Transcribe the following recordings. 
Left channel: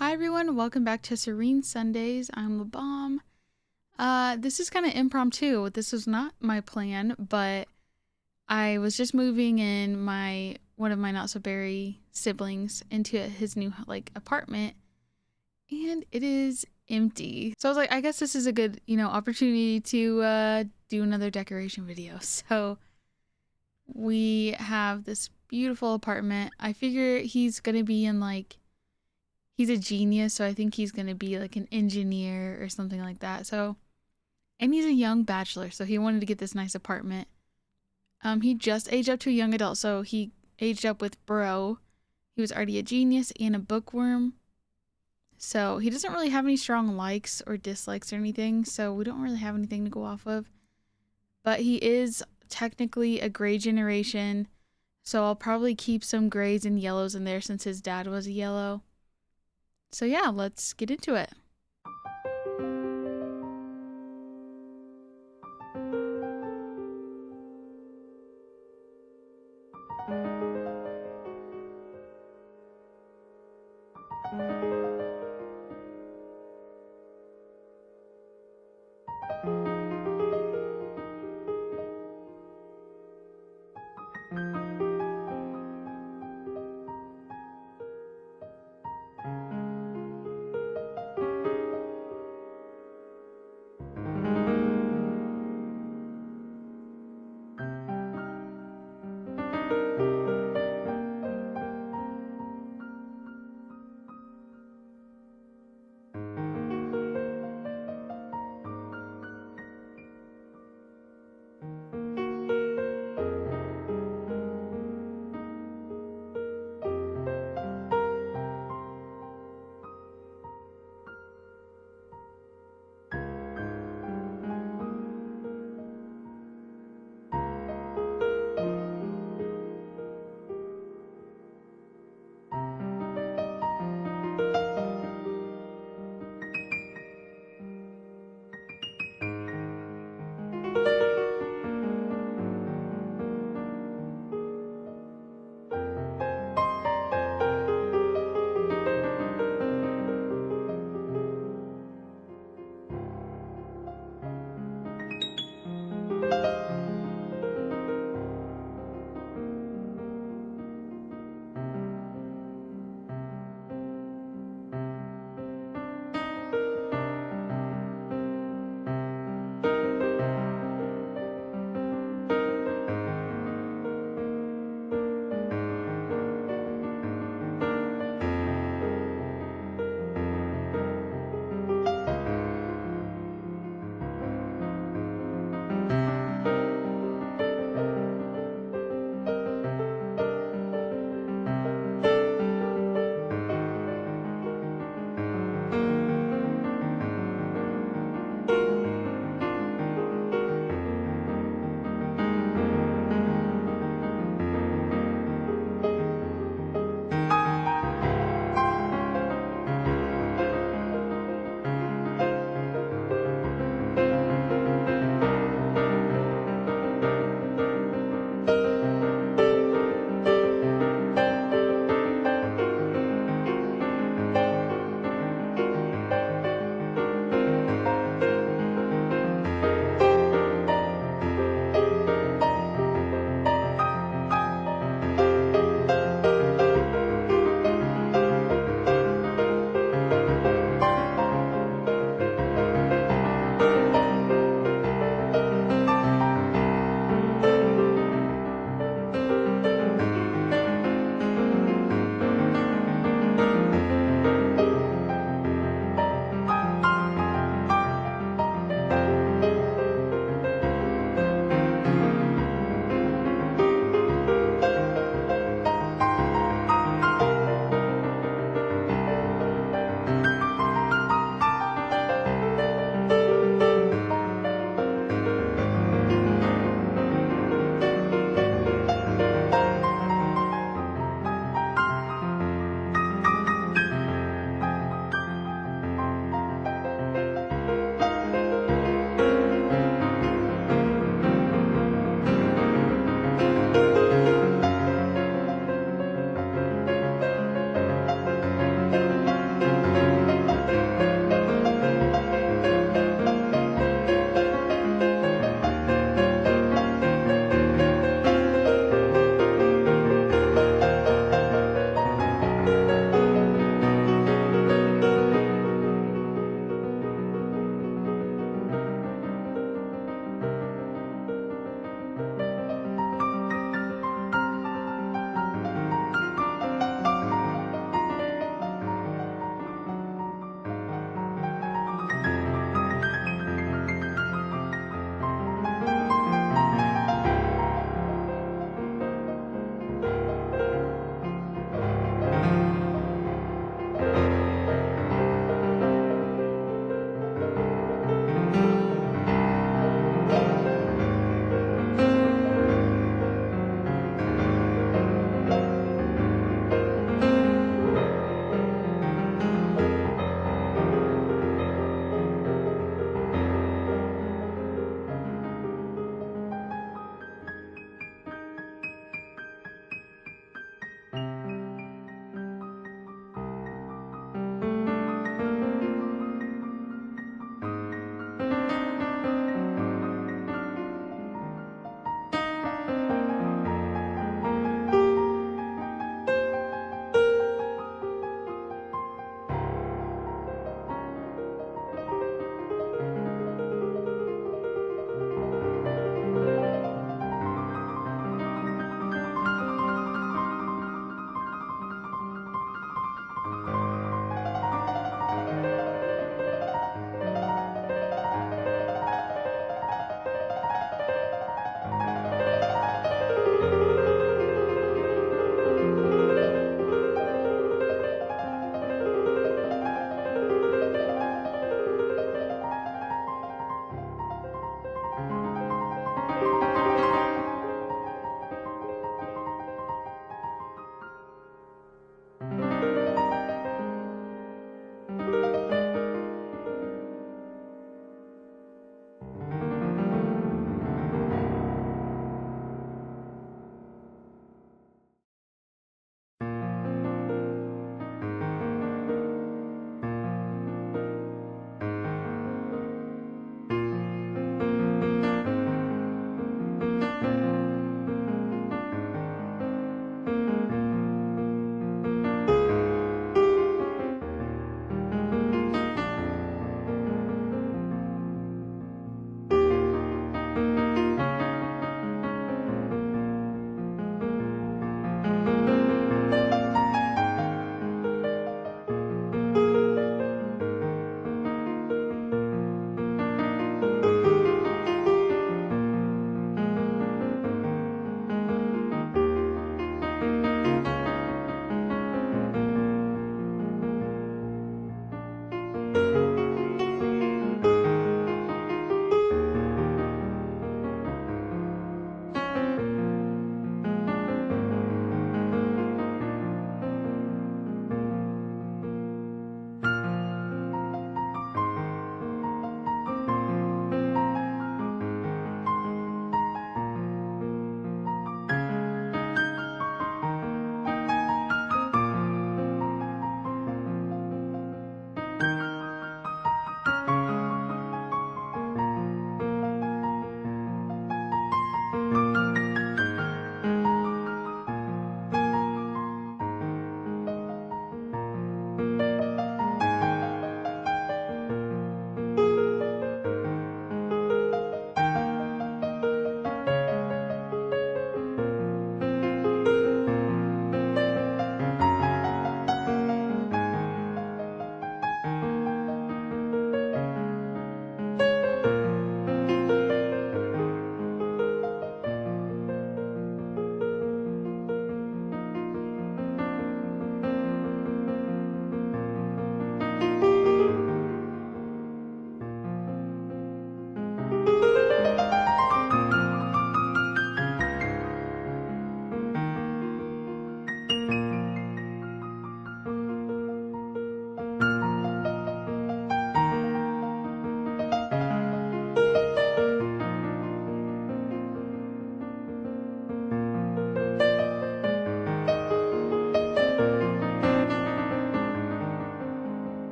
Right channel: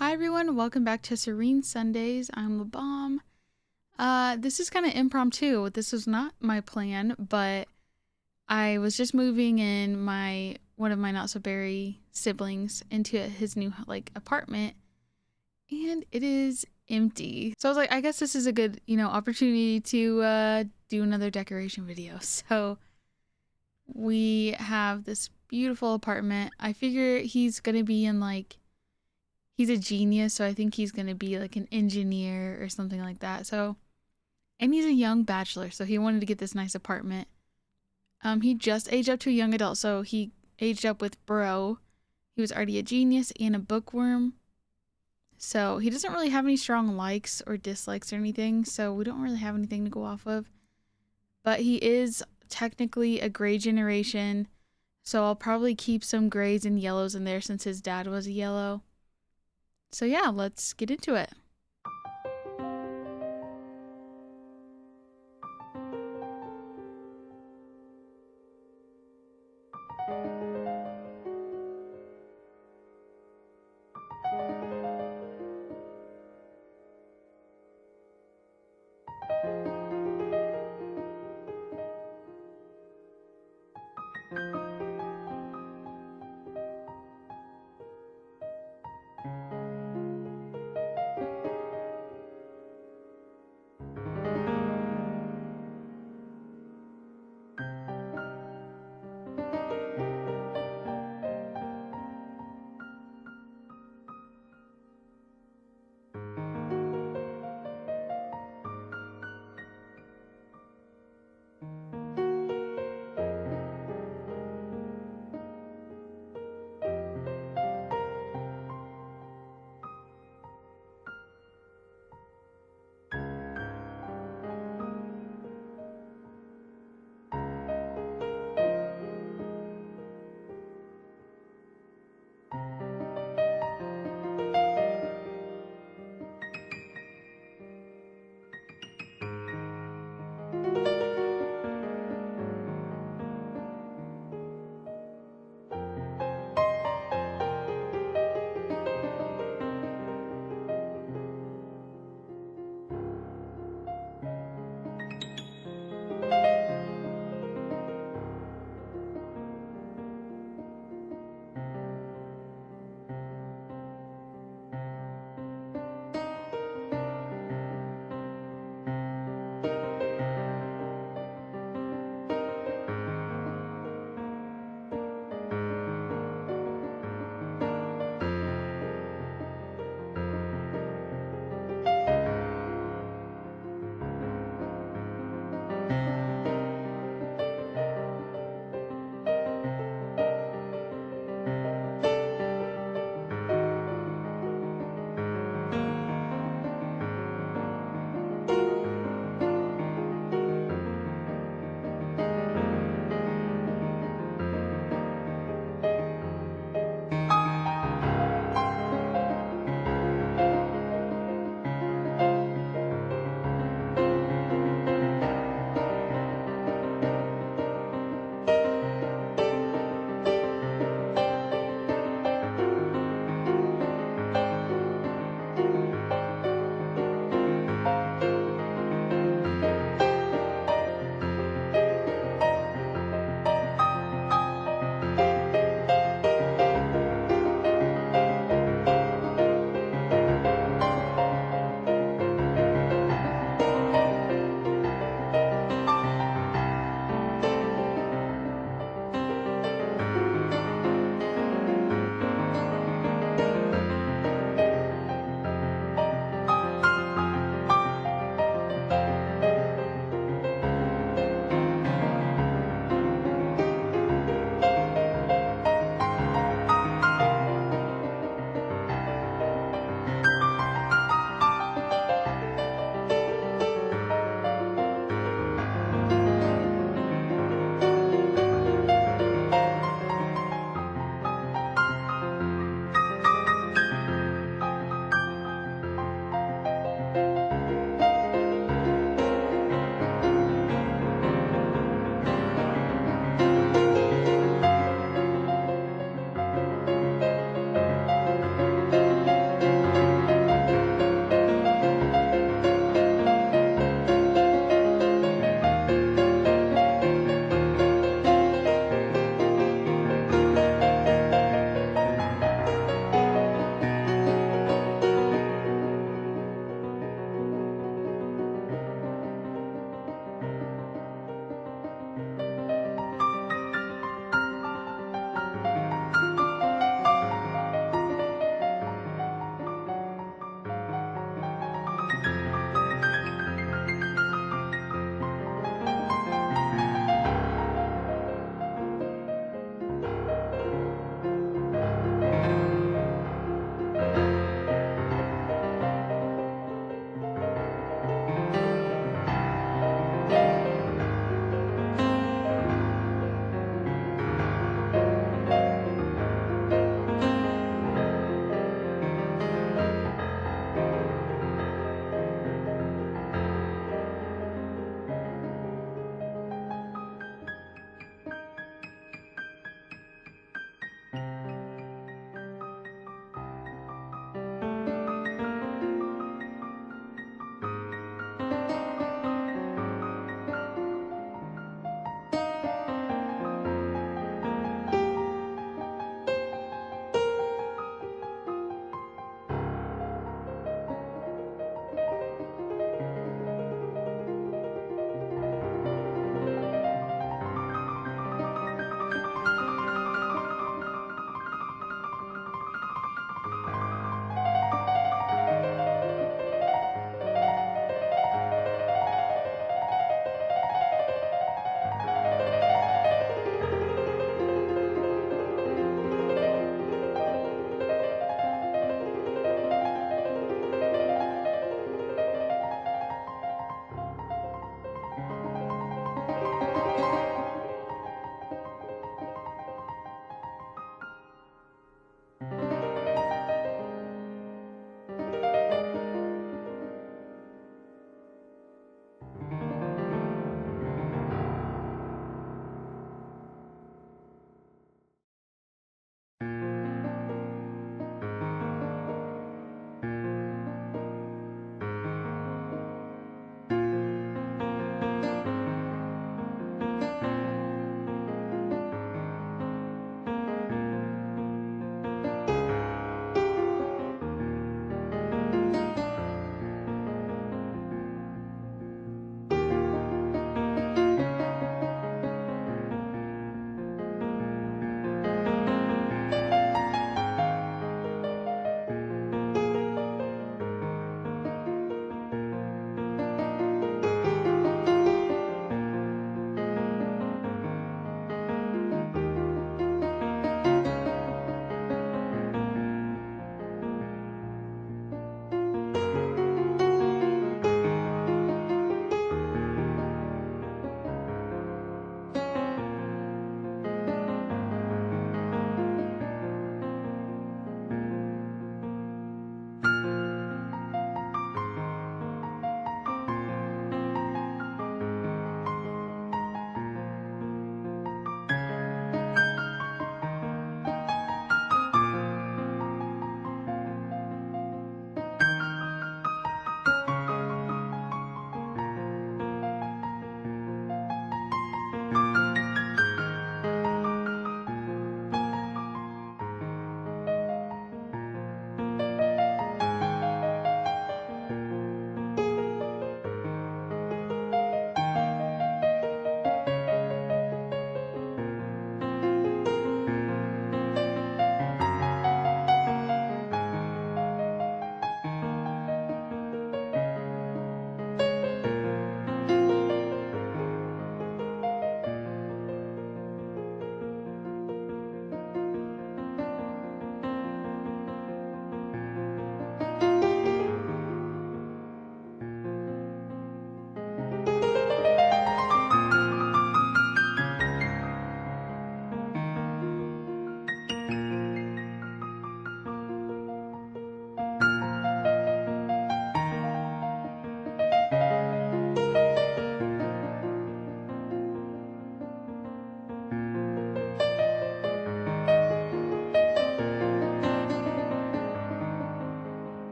Hi everyone, welcome back to Serene Sundays. I'm Lebaum. This is kind of impromptu. This was not my plan, but I was just moving in my one of my not so berry siblings into his new apartment, and it is empty. So I was like, I guess this is a good opportunity to do another decoration video. So we have this beautiful apartment. I figure he's gonna be in he's a genius, so I think he's gonna be like an engineer or something like that. So, and he's a young bachelor, so he wanted to get this nice apartment. He just aged up to a young adult, so he aged up with bro. He was already a genius and a bookworm, so he doesn't really have any strong likes or dislikes or anything. So we don't really have anything to go off of. But he is technically a gray generation, so I'll probably keep some grays and yellows in there since his dad was a yellow. So yeah, let's get into it.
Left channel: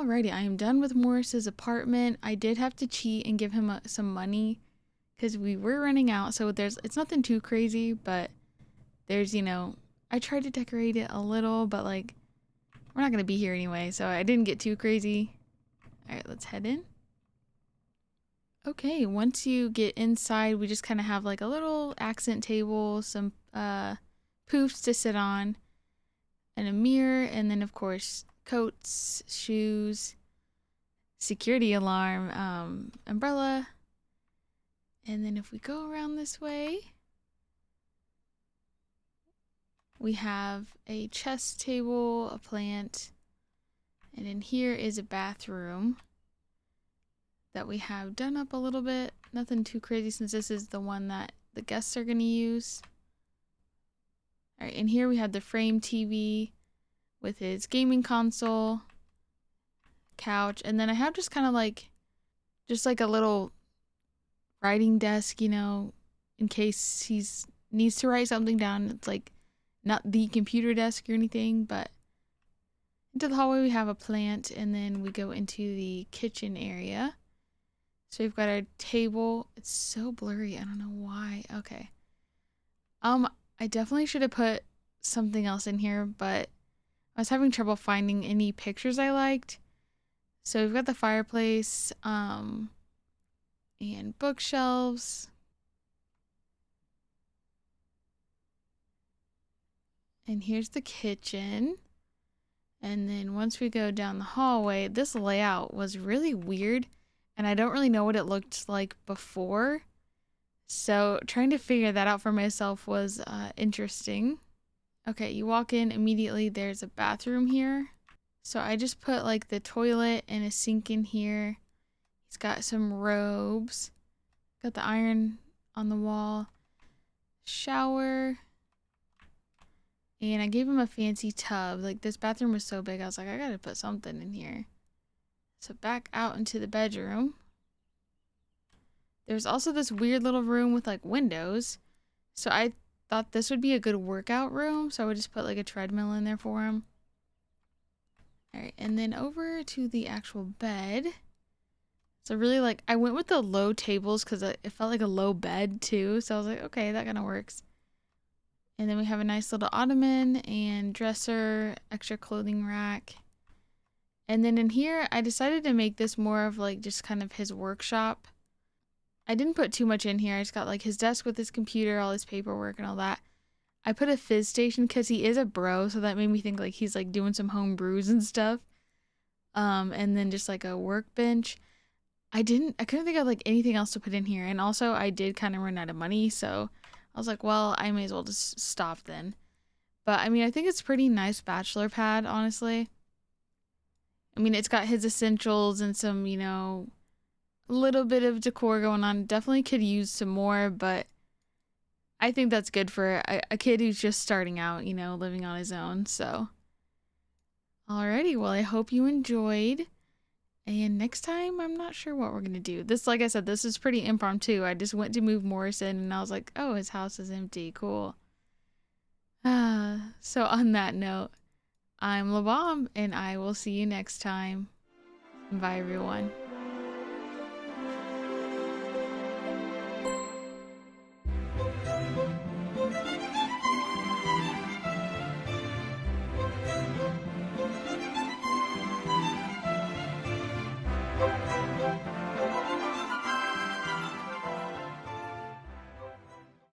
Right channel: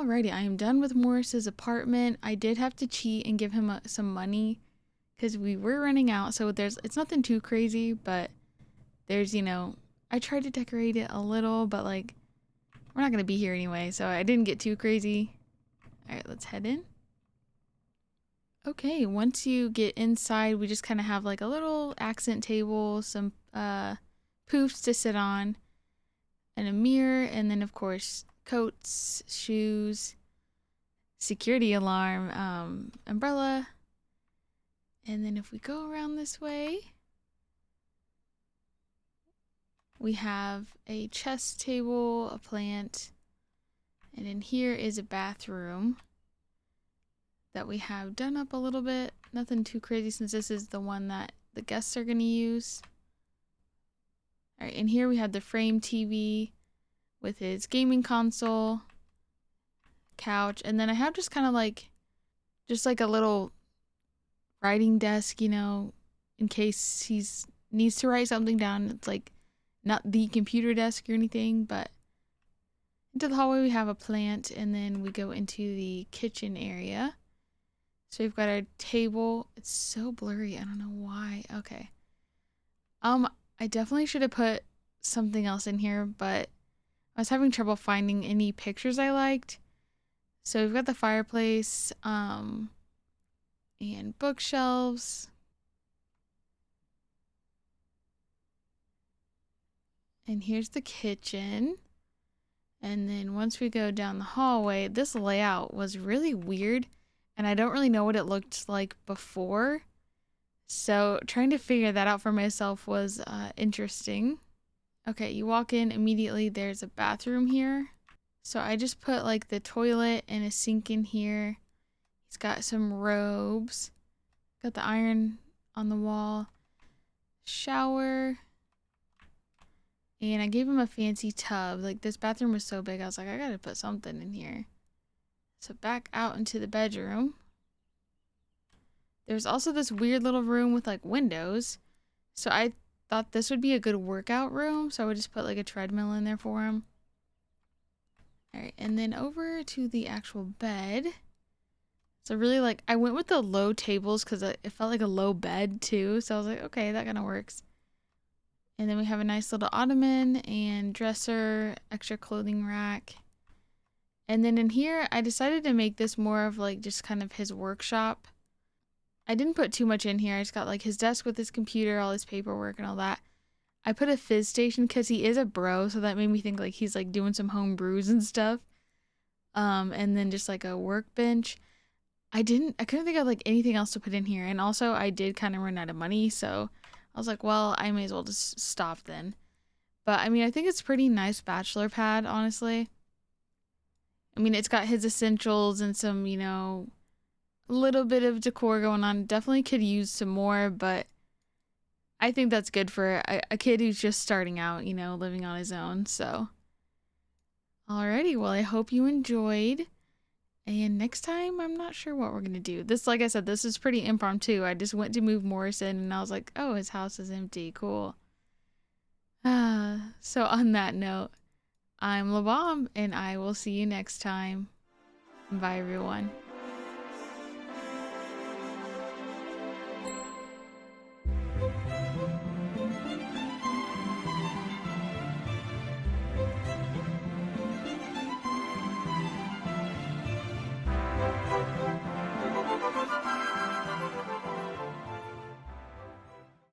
Alrighty, I am done with Morris's apartment. I did have to cheat and give him some money because we were running out. So it's nothing too crazy, but there's, I tried to decorate it a little, but like, we're not going to be here anyway. So I didn't get too crazy. All right, let's head in. Okay, once you get inside, we just kind of have like a little accent table, some poofs to sit on, and a mirror, and then of course coats, shoes, security alarm, umbrella. And then if we go around this way, we have a chest table, a plant, and in here is a bathroom that we have done up a little bit. Nothing too crazy since this is the one that the guests are going to use. All right, in here we have the frame TV with his gaming console, couch, and then I have just kind of like, just like a little writing desk, in case needs to write something down. It's like not the computer desk or anything, but into the hallway we have a plant, and then we go into the kitchen area. So we've got our table. It's so blurry. I don't know why. Okay. I definitely should have put something else in here, but I was having trouble finding any pictures I liked. So we've got the fireplace, and bookshelves. And here's the kitchen. And then once we go down the hallway, this layout was really weird, and I don't really know what it looked like before. So trying to figure that out for myself was interesting. Okay, you walk in immediately, there's a bathroom here. So I just put like the toilet and a sink in here. He's got some robes. Got the iron on the wall. Shower. And I gave him a fancy tub. Like, this bathroom was so big, I was like, I gotta put something in here. So back out into the bedroom. There's also this weird little room with like windows. So I thought this would be a good workout room. So I would just put like a treadmill in there for him. All right, and then over to the actual bed. So really, like, I went with the low tables because it felt like a low bed too. So I was like, okay, that kind of works. And then we have a nice little ottoman and dresser, extra clothing rack. And then in here, I decided to make this more of like just kind of his workshop. I didn't put too much in here. I just got like his desk with his computer, all his paperwork and all that. I put a fizz station because he is a bro, so that made me think like he's like doing some home brews and stuff. And then just like a workbench. I couldn't think of like anything else to put in here. And also I did kind of run out of money, so I was like, well, I may as well just stop then. But I mean, I think it's pretty nice bachelor pad, honestly. I mean, it's got his essentials and some, a little bit of decor going on. Definitely could use some more, but I think that's good for a kid who's just starting out, living on his own. So, alrighty, well, I hope you enjoyed. And next time, I'm not sure what we're going to do. This, like I said, this is pretty impromptu. I just went to move Morrison and I was like, oh, his house is empty. Cool. So on that note, I'm Lebaum and I will see you next time. Bye, everyone.